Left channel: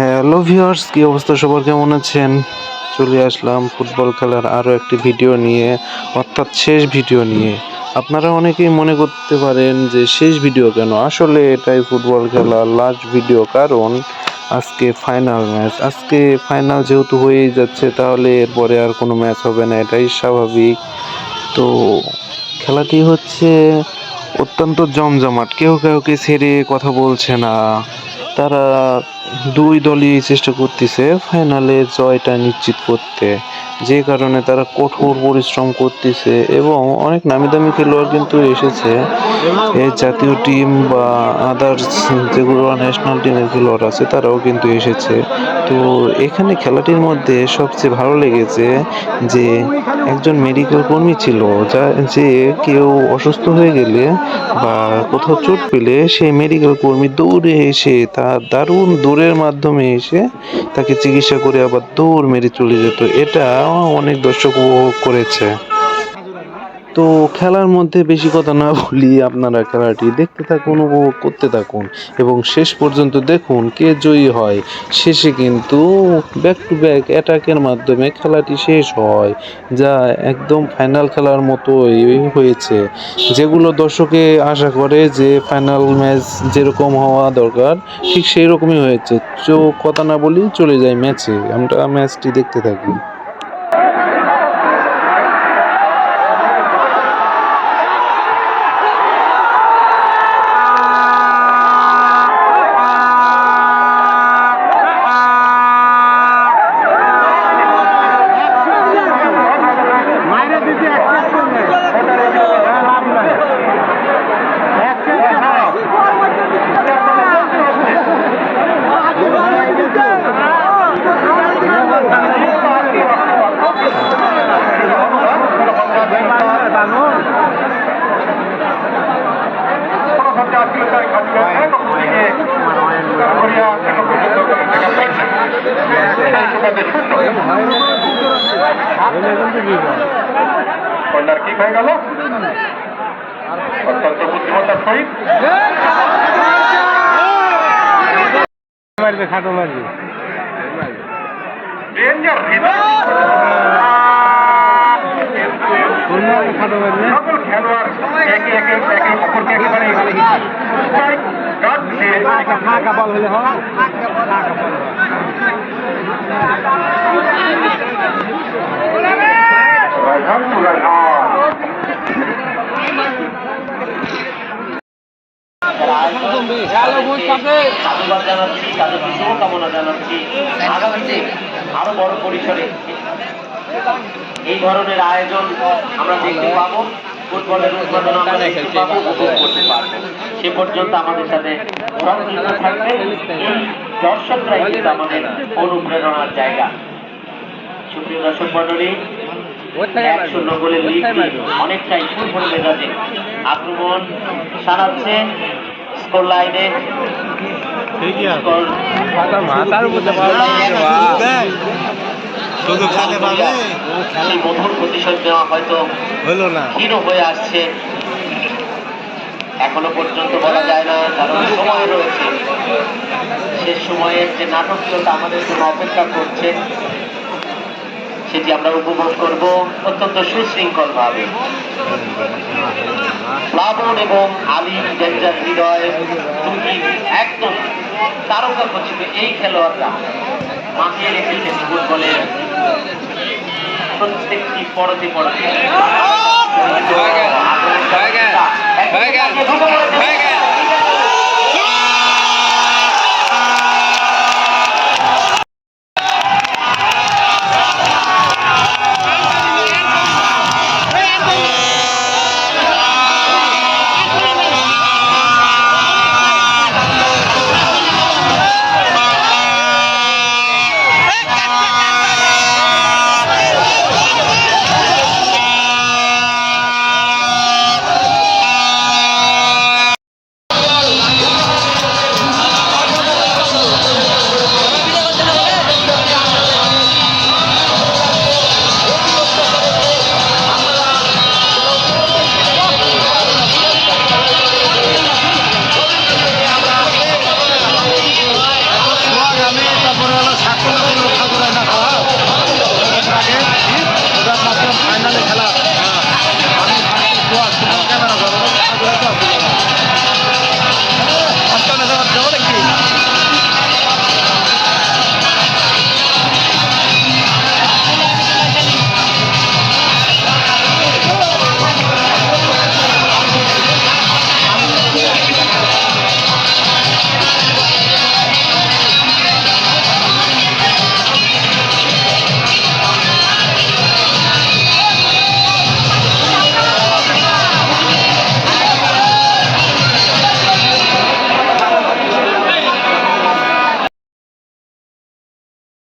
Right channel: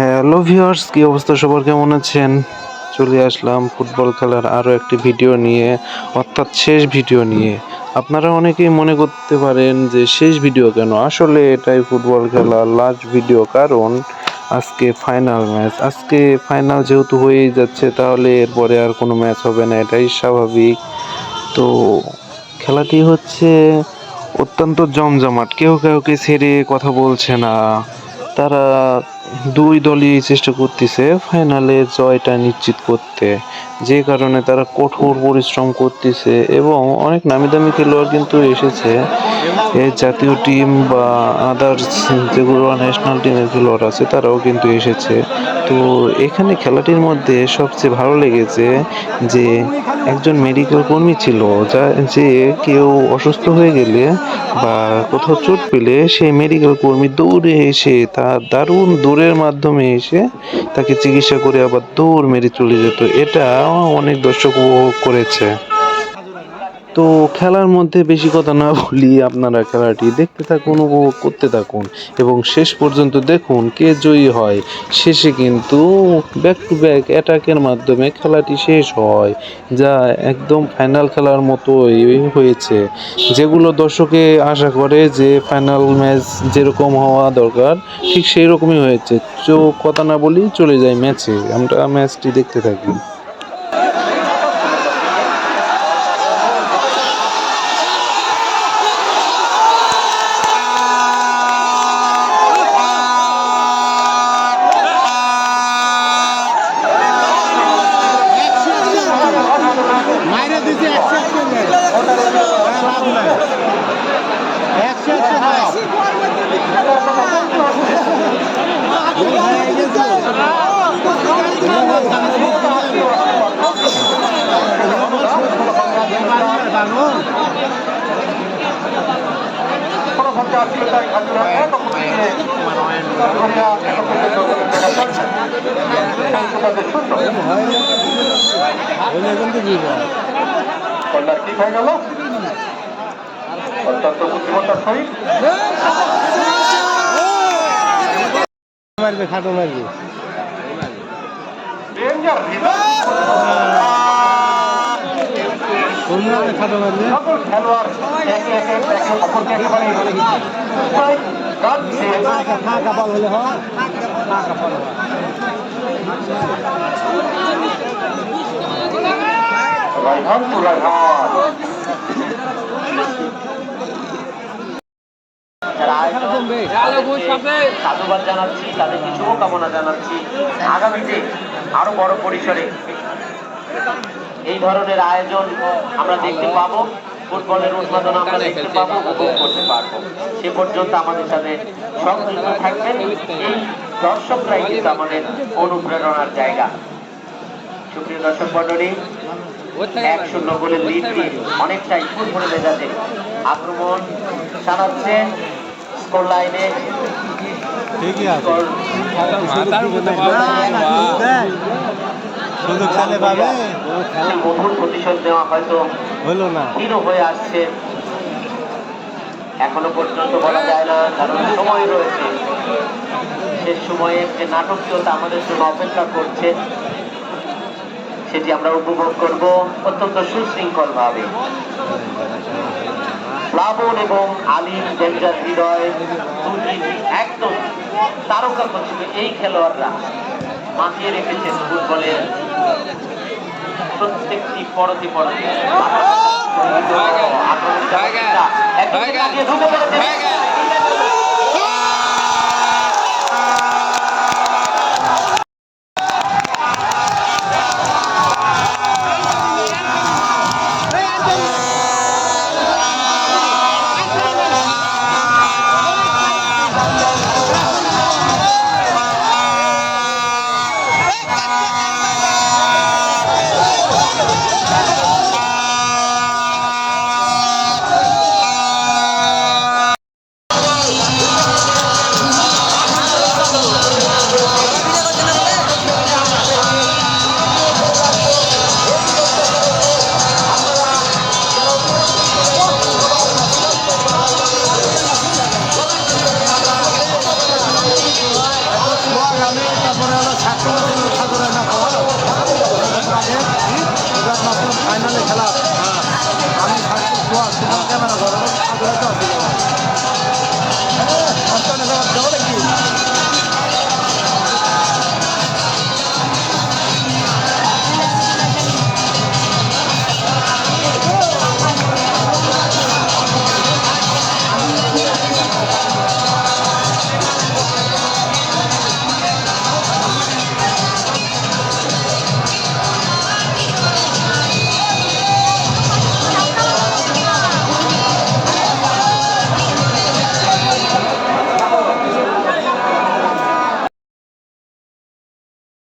Hello viewers কী অবস্থা? সবার কেমন আছেন? চলে আসলাম ফুটবল খেলার আরও একটি ভিডিও নিয়ে, অর্থাৎ শেষ ভিডিও নিয়ে। আপনারা অনেকেই মনে করতে পারেন যে শেষ ভিডিও কেন? আসলে এটাই ফুটবল খেলার লাস্ট ভিডিও কারণ আজকে ফাইনাল ম্যাচ আজকে ফাইনাল যেহেতু হয়েই যাচ্ছে, তাহলে এরপরে আর কোনো ম্যাচ হবে না, এটাই স্বাভাবিক। তো খেলাটি হচ্ছে অত্যন্ত জমজমাট। কেউ কাউকে ছেড়ে কথা বলছে না। তারা দুই দলই চেষ্টা করতেছে ফাইনালে জয়টা নিশ্চিত করতে। যে কারণে তারা কঠোর পরিশ্রম করতেছে এবং অনেক নামি দামি খেলোয়াড় কিন্তু এসেছে। এই জাতীয় টিম বা আদার্স যেগুলো ন্যাশনাল টিমের খেলোয়াড় আছে, তারাও কিন্তু এসেছে। তো এখানে খেলাটির মধ্যে সবচেয়ে ভালো লেগেছে যে একজন মেডিকেল কর্মী ছিল, যা যে কেউ অসুস্থ হয়ে গেলে বা কোথাও চোট পেলে সেই মেডিকেল কর্মী দৌড়ে এসে তার দারুণ দৌড়ের মাধ্যমে এসে তাকে চিকিৎসা করে আবার দৌড় মেরে চলে যেত। এটা অনেক দর্শক উপভোগ করেছে। তো খেলার মধ্যে বেশি কথা না বলি আপনারা খেলাটি দেখতে থাকুন, উপভোগ করতে থাকুন এবং শেষ পর্যন্ত দেখুন কে জয়ী হয়। শেষে কিন্তু ব্যাক টু ব্যাক অ্যাটাকের মাধ্যমে খেলাটি শেষ হয়, যা একদম ফাইনাল খেলার মতোই হয়েছে। যেগুলো দর্শকে আশা করে যে ফাইনাল ম্যাচ যেরকম হওয়া দরকার, ঠিক সেই রকমই হয়েছে। চো কথা না বলি চলে যাই ম্যাচে আমরা ম্যাচটি দেখতে থাকি। কর্নার কিক হয়ে গেল খাটো মারবে হৃদয় কোন মারবে খাটো মারবে সকল খেলোয়াড় একে একে একে অপরকে একেবারে strike guard দিয়ে ফাঁকা বল হলে হয়। ফাঁকা বল রাইহান টু রাইহান যারা আয়োজন তাদেরকে সাধুবাদ জানাচ্ছি তাদেরকে শুভকামনা জানাচ্ছি। আগামীতে আরও বড় পরিসরে এই ধরনের আয়োজন আমরা দেখতে পাবো। ফুটবলের উদ্বোধন আমরা দেখতে পাবো উপভোগ করতে পারব। সে পর্যন্ত আমাদের সাথে সংযুক্ত থাকবেন। এই দর্শকরাই কিন্তু আমাদের অনুপ্রেরণার জায়গা। সুপ্রিয় দর্শক মন্ডলী এক শূন্য গোলের লিড দিয়ে অনেকটাই ফুটবল মেজাজে আক্রমণ চালাচ্ছে স্কোর লাইনে স্কোর স্কোর লাইনে এক শূন্য। শুধু খেলে পাবে সেই মধুর প্রতিশোধ নেওয়া হয়তো হলো না। ক্ষীণ হয়ে আসছে। এখনও পর্যন্ত বলা যায় না কারণ সময় রয়েছে। শেষ সময়ের যে নাটকীয়তা আমাদের জন্য অপেক্ষা করছে। সেটি আমরা উপভোগ করব অত্যন্ত সুশৃঙ্খল ভাবে প্লাবন এবং আলিম ডেঞ্জার হৃদয় দুই একদম তারকা খচিত এই খেলোয়াড়রা মাতিয়ে রেখেছেন ফুটবলের প্রত্যেকটি পরতে পরতে